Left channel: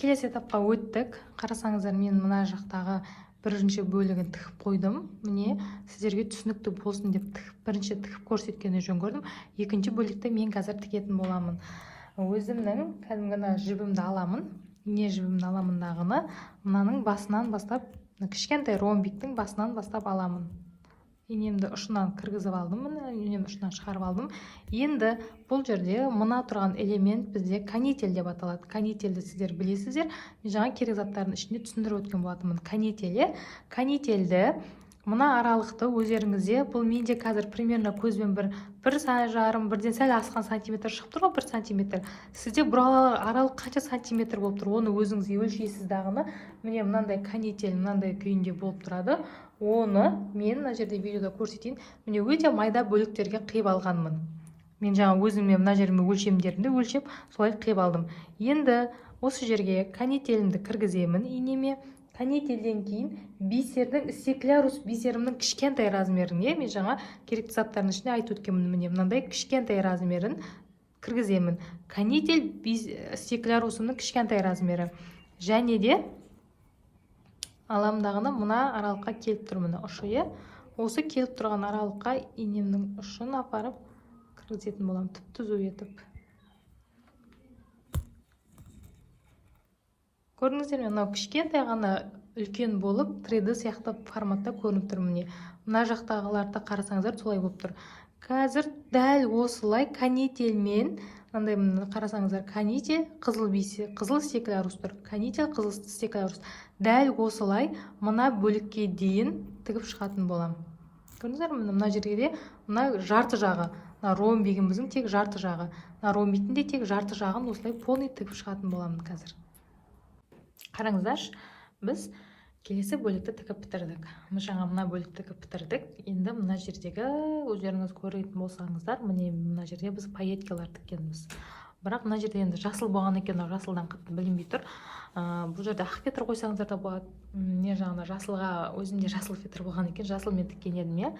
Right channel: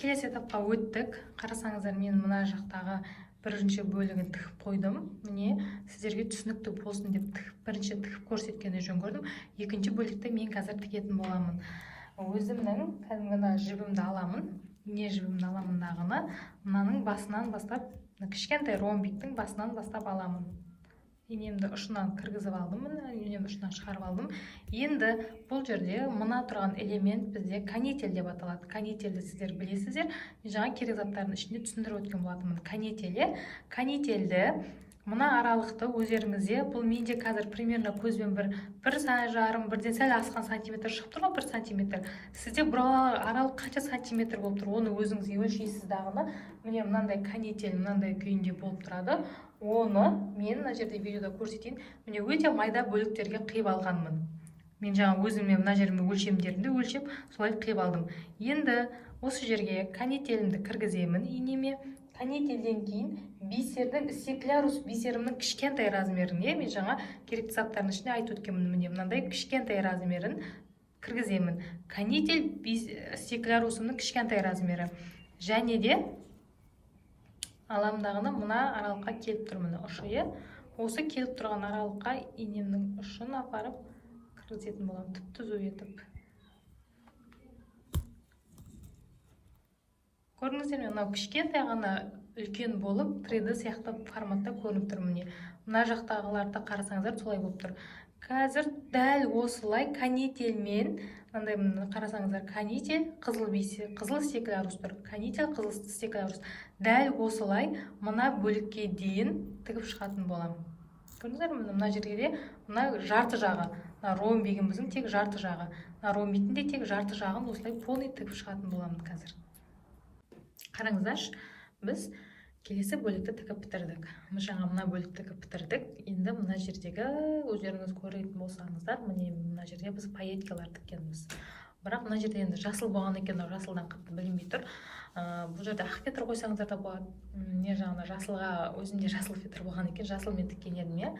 келесі этапқа өттік. Қарасаңыздар, мен мына жақтағы бірінші бөлігін тігіп қойдым. Міне сіздерге түсінікті болсын деп бірінші тігіп көрсеткенді жөн көрдім. Екінші бөлікті мен қазір тігетін боламын. Өзімнің кәдімгі жібімді аламын. Не жібімді аламын дағыны мынаның басынан бастап, кішкентай ромбиктің басынан бастап аламын. Инемді ұшынан кіргізіп алдым, инемді ұшынан шығарып алдым. Енді бұл жерде мына тұрған элемент бізде канитель деп аталады. Канительді сіздер білесіздер. Мен жаңа керек заттардың ішінде түсіндіріп өткен болатынмын. Канительді мына аралықты өздеріңізде, бұл менде қазір примерно көзбен бір жарым, бірден сәл асқан сантиметр шығып тұр ғой, 1 сантиметр. Сізде бұл аралық қанша сантиметр болып тұр, оны өзіңіз өлшейсіз дағыны. Міне мынандай канитель мынандай күйінде болып тұрады. Оны мен мына жерде видеода көрсетейін. Міне өте майда бөліктерге қиып алғанмын. Мен жаңа өзіммен мына жеріме өлшемдерімді өлшеп солай қиып алдым. Енді осы жерге канительімді кіргіземін инеме. Канительден кейін бисердің, стеклярус бисерімнің кішкентай размеріне, мен жаңа керекті заттардың ішінде айтып өткенмін, міне мынандай кішкентай размерін кіргіземін. Канитель стеклярусымның кішкентай размері. Және де аламдағыны мына аралыққа келіп тұрмын, ұшы. Осы келіп тұрған аралыққа инемнің ұшын апарып кіргізетін боламын, түп-түзу етіп. Көрдіңіздер ме, мынау кішкентай ғана үлкен болып 3D сияқты форматта көрініп тұр. Міне мына жақтағыларды қарасаңыздар солай болып тұр. Қазір дәл осылай канительмен, мынандай қарасаңыздар, канитель, қызыл бисер, қызыл стеклярус тұр. Канитель, қызыл стеклярус. Дәл осылай мына бөлікке дейін тігіп шығатын болам. Көрдіңіздер ме, мына жерге де мына жарты жағы, ромбигіміздің тек жарты жағы, ромбиктің де тек жарты жағын осылай полный тігіп шығатын боламын қазір. Қараңыздар, біз келесі бөлікті тігіп бітірдік. Жаңа мына бөлікті тігіп бітірдік. Енді мына жердегі өздеріңіз көретін болсаңыздар, міне мына жерде біз пайеткалар тіккенбіз. Бірақ мына жерде енді жасыл болған екен, жасылдан қатты білінбей тұр. Бұл жерде ақ фетр қойсаңыздар да болады. Не жаңа жасылға, өзімде жасыл фетр болған екен, жасылмен тіккен едім.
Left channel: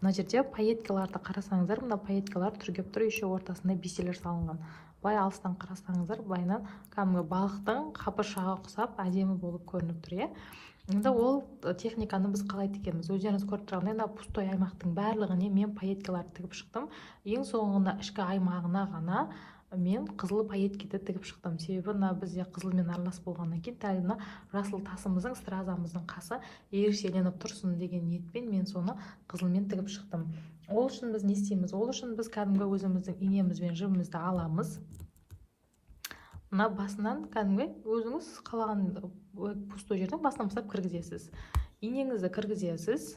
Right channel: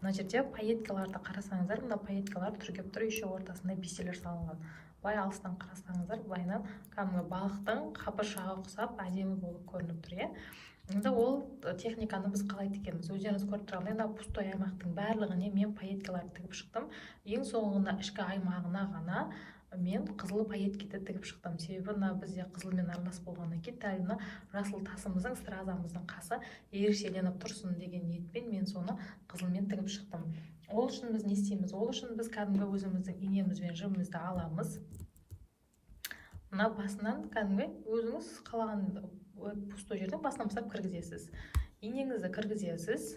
Мына жерде пайеткаларды қарасаңыздар, мына пайеткалар түргеп тұр, еще ортасында бисерлер салынған. Былай алыстан қарасаңыздар, былайынан кәдімгі балықтың қабыршаға ұқсап әдемі болып көрініп тұр. Енді ол техниканы біз қалай тікеміз? Өздеріңіз көріп тұрғандай, мына пустой аймақтың барлығына мен пайеткаларды тігіп шықтым. Ең соңында ішкі аймағына ғана мен қызыл пайеткиді тігіп шықтым. Себебі мына бізде қызылмен аралас болғаннан кейін дәл мына жасыл тасымыздың, стразамыздың қасы ерекшеленіп тұрсын деген ниетпен мен соны қызылмен тігіп шықтым. Ол үшін біз не істейміз? Ол үшін біз кәдімгі өзіміздің инеміз бен жібімізді аламыз. Мына басынан кәдімгі өзіңіз қалаған пустой жерден басынан бастап кіргізесіз. Инеңізді кіргізесіз.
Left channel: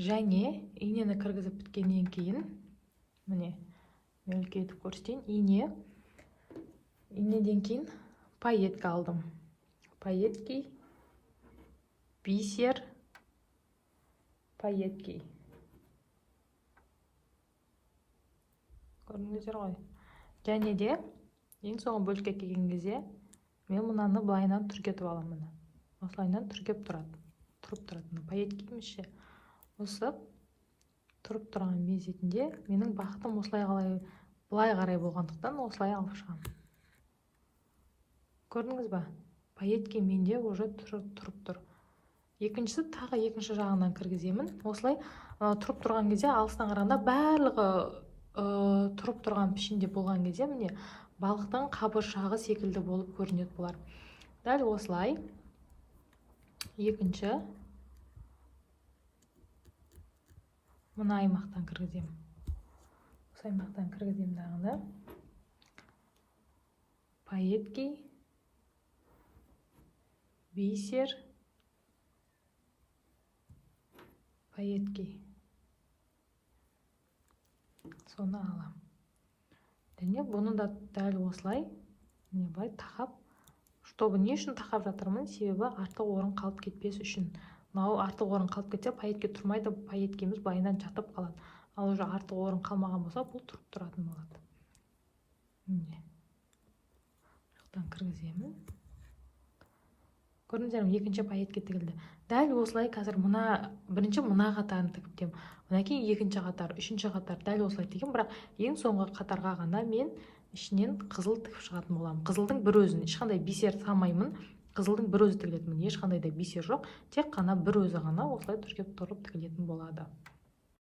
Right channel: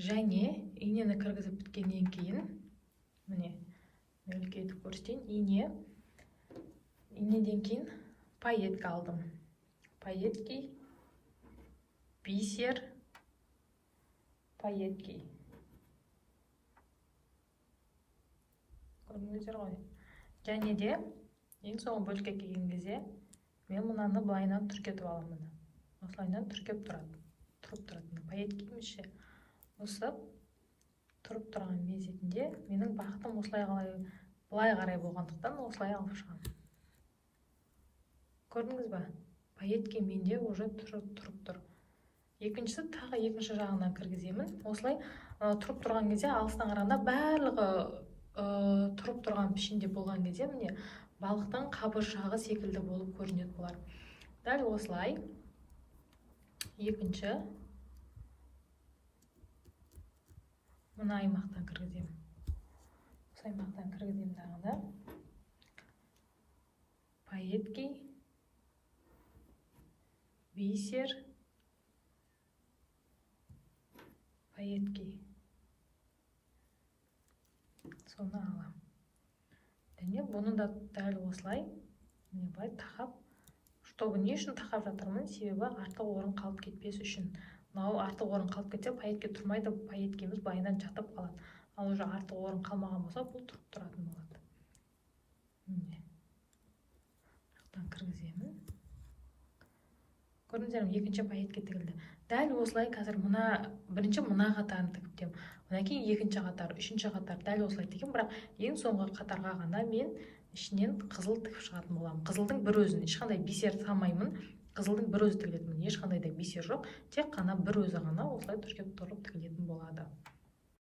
Және инені кіргізіп біткеннен кейін, міне үлкейтіп көрсетейін, инеден кейін пайетка алдым. Пайетки, бисер, пайетки. Көрдіңіздер ғой. Және де ең соңғы бөлікке келген кезде мен мынаны былайынан түргетіп аламын. Осылайынан түргеп тұрады. Тұрып тұрады. Пайеткемізше осы тұрып тұрған мезетінде менің бақытым осылай былай қарай болғандықтан осылай алып шығамын. Көрдіңіз ба? Пайетке менде уже тұрып тұр. Екіншісі тағы екінші жағынан кіргіземін. Осылай тұрып тұрған кезде алыстан қарағанда барлығы тұрып тұрған пішінде болған кезде міне балықтың қабыршағы секілді болып көрінеді бұлар. Дәл осылай екінші мына аймақтан кіргіземін. Осы аймақтан кіргіземін дағыны. Пайетки, бисер, пайетки. Соны алам. Және бұны да дәл осылай былай тақап, чтобы не үшін тақап жатырмын? Себебі артық орын қалып кетпес үшін. Мынау артық орын қалып кетсе, пайетке тұрмайды, пайеткеміз былайынан жатып қалады. Ал уже артық орын қалмаған болса, бұл тұрып тұратын болады. Міне. Жақтан кіргіземін. Көрдіңіздер ме, екінші пайетке тігілді. Дәл осылай қазір бірінші мына қатарын тігіп одан кейін екінші қатар, үшінші қатар дәл осылай тегім, бірақ ең соңғы қатарға ғана мен ішінен қызыл тігіп шығатын боламын. Қызылдың бір өзін, ешқандай бисер салмаймын. Қызылдың бір өзі тігілетін, ешқандай да бисер жоқ, тек қана бір өзі ғана осылай түргеп тұрып тігілетін болады.